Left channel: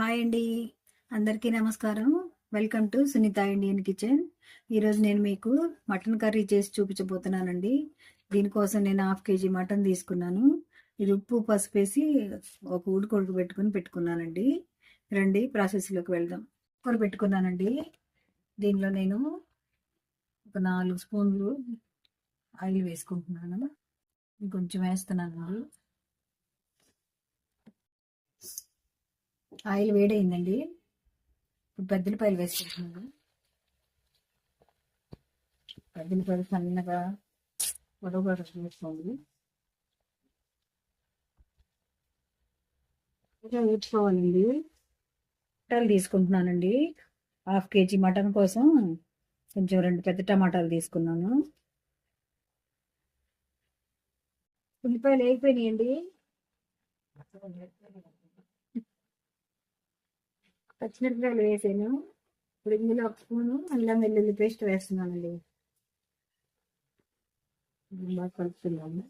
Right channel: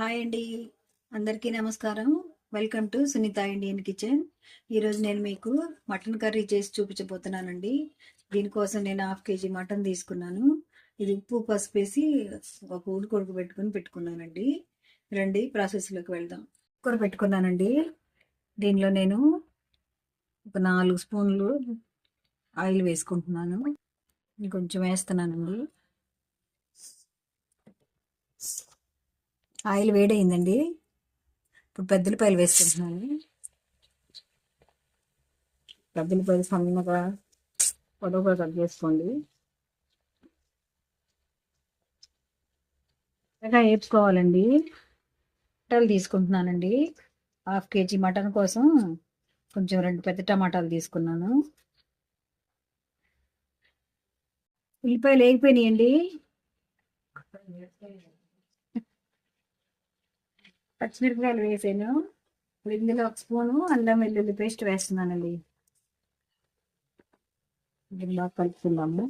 Hi అండి, అందరికీ నమస్కారం. Welcome to Sunitha Indian kitchen. ఈరోజు నేను మీకు మటన్ కర్రీ చేసి చూపించబోతున్నానండి. దీనికోసం నేను 1/2 kg మటన్ తీసుకున్నాను. ఇది ఉప్పు పసుపు వేసి ఒక ఉడకబెట్టుకుని పెట్టుకున్నానండి. రండి ప్రాసెస్లోకి వెళ్దాం. కుక్కర్ పెట్టుకున్నానండి. దీనిలో నేను ఒక 4 స్పూన్లు ఆయిల్ వేసుకుంటున్నాను. కొంచెం వేస్తున్నానండి. ఆయిల్ వేడైందండి. ఇప్పుడు పెద్దలపాయలు వేసుకుంటున్నాను. పెద్దలపాయలు సన్నగా పొడవుగా కట్ చేసుకోండి. ఇంకా వేపుకోవాలండి. టమాటాలు తీసుకుంటున్నానండి. 1/2 kg మటన్ కోసం కొంచెం 2 పెద్ద టమాటాలు తీసుకున్నాను. ఉల్లిపాయలు వేగిపోయినాయండి. పచ్చిమిరపకాయలు వేసాను. ఇప్పుడు ఇందులో 1 స్పూను అల్లం వెల్లుల్లి పేస్ట్ వేస్తున్నానండి. ఇలా కలుపుకుందాము.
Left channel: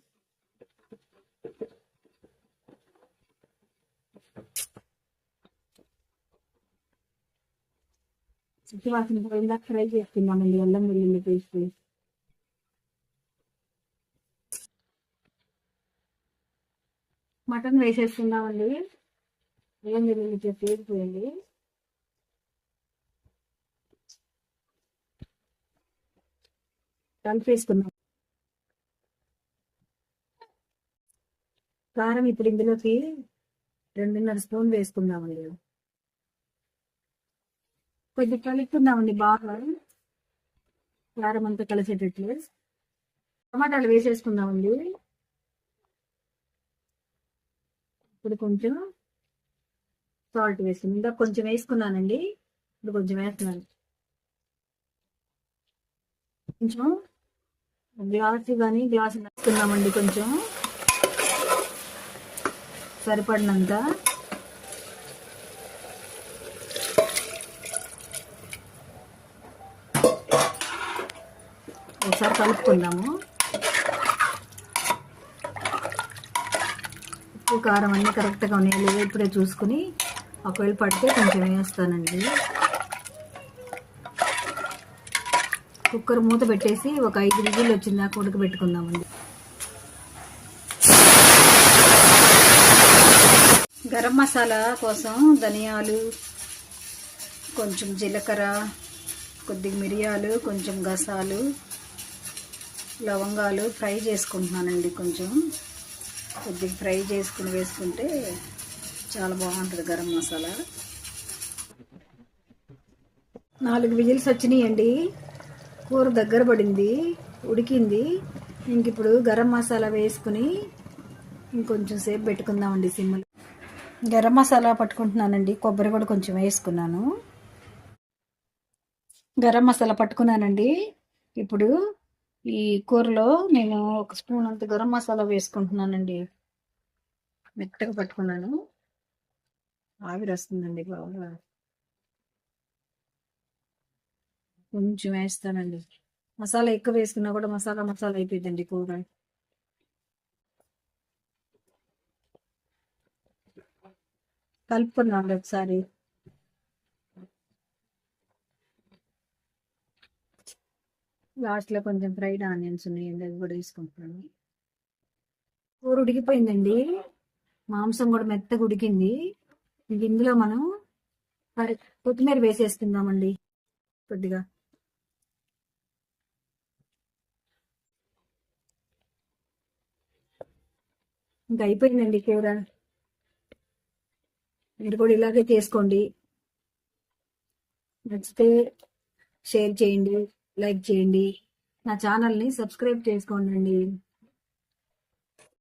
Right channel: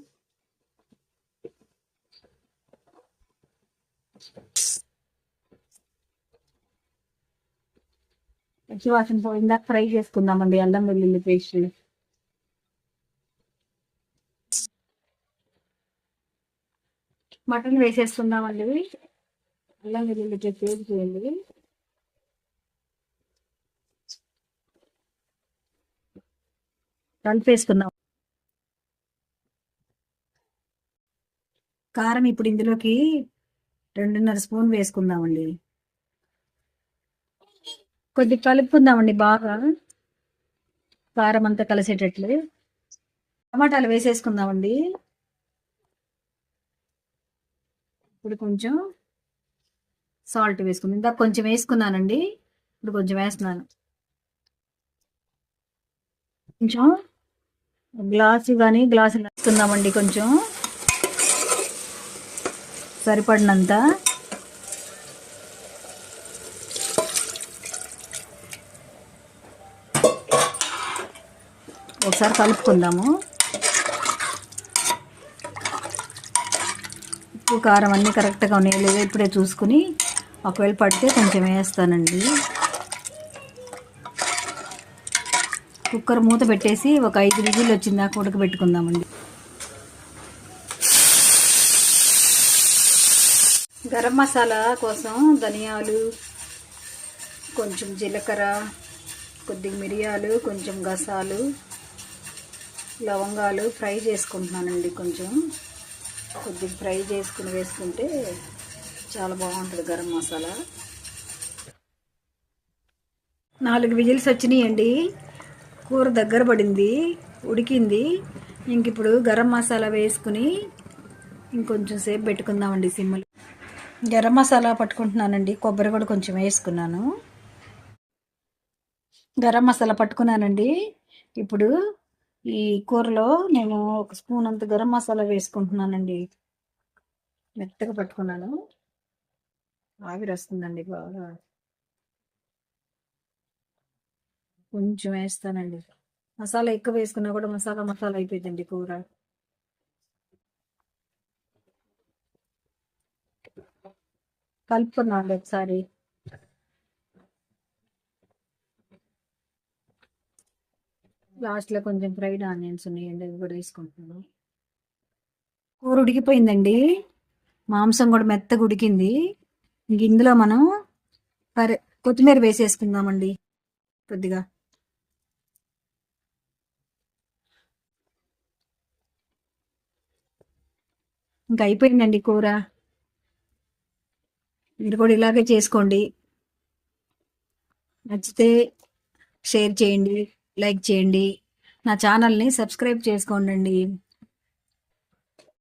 పచ్చివాసన పోయిందాక ఫ్రై చేసుకుందామండి అల్లం వెల్లుల్లి పేస్ట్. మటన్ వేసేసుకుందామండి. అల్లం వెల్లుల్లి పేస్ట్ వేసిపోయింది. కలిపేసుకుందాం. కారం ఇప్పుడు ఇందులోకి 2.5 స్పూన్ వేసుకుందామండి. కొద్దిగా కలుపుకుందామండి బాగా, కారం అంతా కలిసేటట్లు. టమాటాలు వేసేసుకుందామండి. ఇప్పుడు కొంచెం సాల్ట్ వేసుకుందాం. ఇందాక కొంచెం వేసుకున్నానండి, ఇప్పుడు కొంచెం వేస్తున్నాను. కొంచెం గ్లాసు వేసుకుందామండి. కొంచెం సరిపడినంత. ఒకసారి కలుపుకుందాము. ఉప్పు కారం అన్నీ కరెక్ట్గా ఉన్నాయి లేదో ఇప్పుడే చూసుకుని, ఒకవేళ పడితే కొంచెం వేస్తానండి. కుక్కర్ మూత పెట్టేసి ఒక 5 విజిల్లు వచ్చిందాక ఉడకబెట్టుకుందామండి. గరం మసాలా కోసం ధనియాలు, కొంచెం జీలకర్ర, కొద్దిగా మిరియాలు, కొంచెం గసాలు, లవంగాలు ఫ్రై చేసుకుంటున్నానండి. కొద్దిగా ఫ్రై చేసుకుని వేసుకుంటే చాలా బాగుంటుంది గరం మసాలా. 4 విజిల్స్ వచ్చినాయండి. కూర దగ్గర పడింది, ఉడికింది. ఇంక ఇప్పుడు గరం మసాలా వేసుకుని ఇంకొంచెం సేపు పెట్టుకుందామండి సిమ్లో. గరం మసాలా పట్టుకుంటున్నానండి. కొబ్బరి కూడా కొంచెం వేసుకున్నాను. గరం మసాలా పట్టుకున్నానండి. ఇప్పుడు ఈ కూరలో నేను 1 స్పూన్ అంత గరం మసాలా వేసుకుంటున్నానండి. మెత్తగా పట్టుకున్నాను. ఆవిరి వస్తుందండి బాగా. కొంచెం వేస్తానండి. మసాలా ఎక్కువ వేసుకున్నా కూడా మసాలా అయిపోయిందండి కూర. కలుపుకున్నాండి ఒకసారి. లాస్ట్లో కొంచెం ఫ్రైడ్ ఆనియన్స్ ఉన్నాయండి, అది కూడా వేసుకుంటున్నాను. కూర ఉడికిపోయిందండి. మాంసం కూడా మెత్తగా ఉడికింది. ఇంక ఇందులో మనం కొత్తిమీర వేసేసుకుందామండి కొద్దిగా. ఇంకా అయిపోయిందండి కూర. మీరు కూడా ఇలాగే చేసుకోండి. నచ్చితే షేర్ చేయండి, లైక్ చేయండి. నా ఛానల్ని సబ్స్క్రైబ్ చేసుకోండి.